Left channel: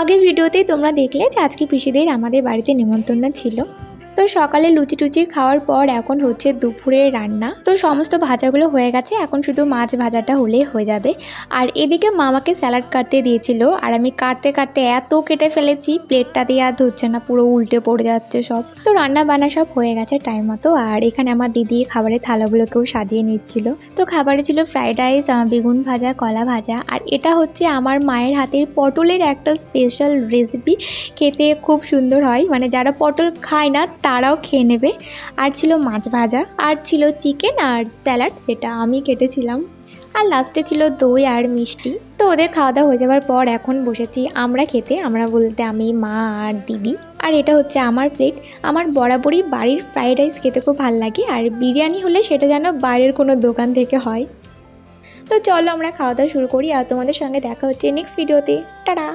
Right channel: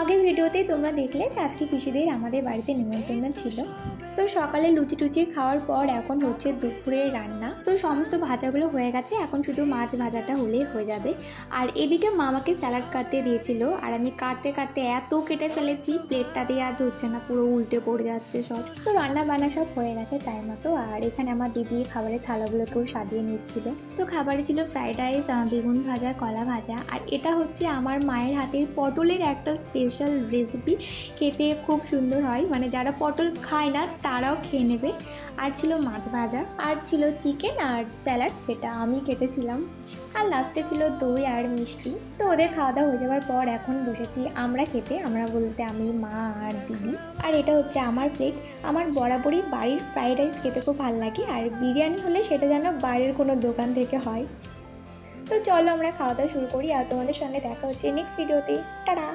আগের ভিডিওতেই তোমরা দেখলে যে আজকে পিসিদের আমাদের বাড়িতে নিমন্ত্রণ ছিল। তো সকালে লুচি টুচি খাওয়ার পর এখন হচ্ছে দুপুরের রান্না। তো সমস্ত ভাজাগুলো হয়ে গেছে, এখন শুধু মাছ ভাজাটা হলেই হয়ে যাবে। আর এদিকে মামাকে স্যালাড কাটতে দিয়েছিল, আর আমি কাটতে কাটতে এত কেটে ফেলেছি প্লেটটা দিয়ে আর ধরছে না, পুরো উল্টে পড়ে যাচ্ছে সব। তো রান্না বান্না সব হয়ে গেছে টাইম মতো। আর এখানে আমার দিদি খাবারের থালাগুলোকেও সাজিয়ে নিচ্ছিল। তো খাবারে ছিল ফ্রাইড রাইস, বেগুন ভাজা, কলা ভাজা, আর এটা হচ্ছে আমার মায়ের হাতের পটলের একটা স্পেশাল রেসিপি। খেতে খুব সুন্দর হয়, মানে যারা পটল খায় না তারাও খেয়ে নেবে। আর ছিল মাছ ভাজা, আর ছিল চিকেন আর স্যালাড, যেটা আমি কেটেছিলাম। আর লাস্টে ছিল দই আর মিষ্টি। তো ওদের খাওয়া দাওয়া হয়ে যাওয়ার পর এখন বসেছি আমরা খেতে, আমরা বলতে আমি, মা আর দিদি। আর এটা হচ্ছে আমার প্লেট। আমার বরাবরই বাড়ির ফ্রাইড রাইস খেতে খুব ভালো লাগে, আর বিরিয়ানি হলে সেটা যেন বাইরের কোনো দোকান থেকে হয়। তো চলো আমরা খাওয়া দাওয়া শুরু করি, আর তোমাদের সঙ্গে দেখা হচ্ছে নেক্সট ভিডিওতে। টাটা।